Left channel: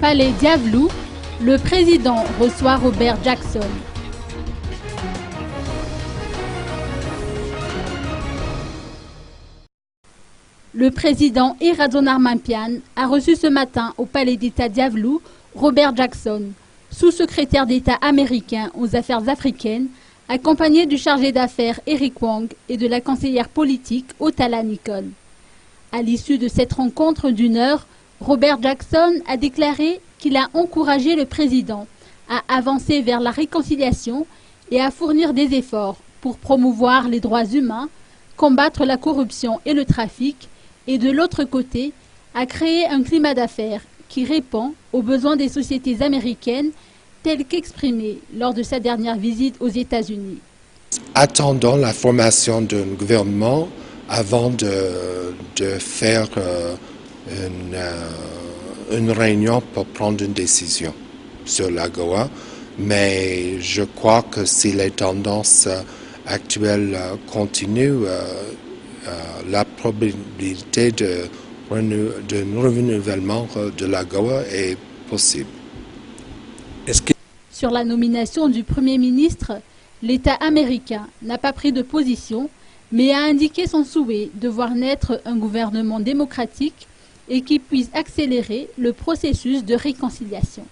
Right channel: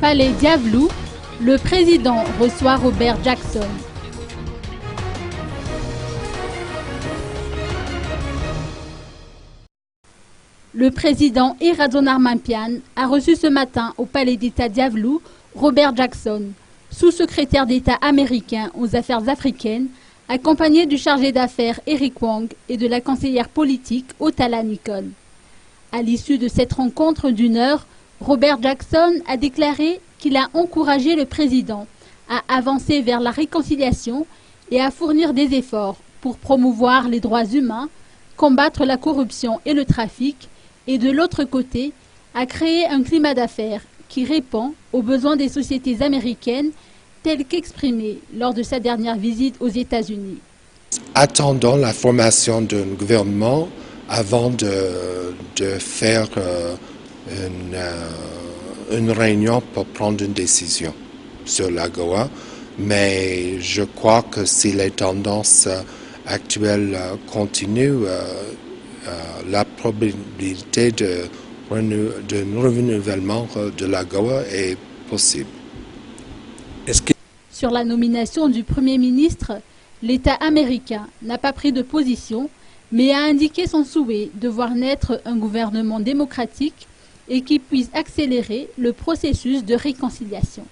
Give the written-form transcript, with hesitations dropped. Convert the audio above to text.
Palais Diavelou, le président reçoit Robert Jackson. Le président Eradon Pian a reçu ce matin au Palais d'État Diavelou Robert Jackson, sous-secrétaire d'État américain aux affaires africaines, accompagné du chargé d'affaires Eric Wong et de la conseillère politique Otala Nicole. À l'issue de cette rencontre d'une heure, Robert Jackson a déclaré qu'il a encouragé le président à avancer vers la réconciliation et à fournir des efforts pour promouvoir les droits humains, combattre la corruption et le trafic, et de l'autre côté, à créer un climat d'affaires qui répond aux besoins des sociétés américaines tels qu'exprimés lors de sa dernière visite aux États-Unis. Sur la nomination du Premier ministre, l'État américain n'a pas pris de position, mais a indiqué son souhait de voir naître un gouvernement démocratique et qui puisse accélérer le processus de réconciliation.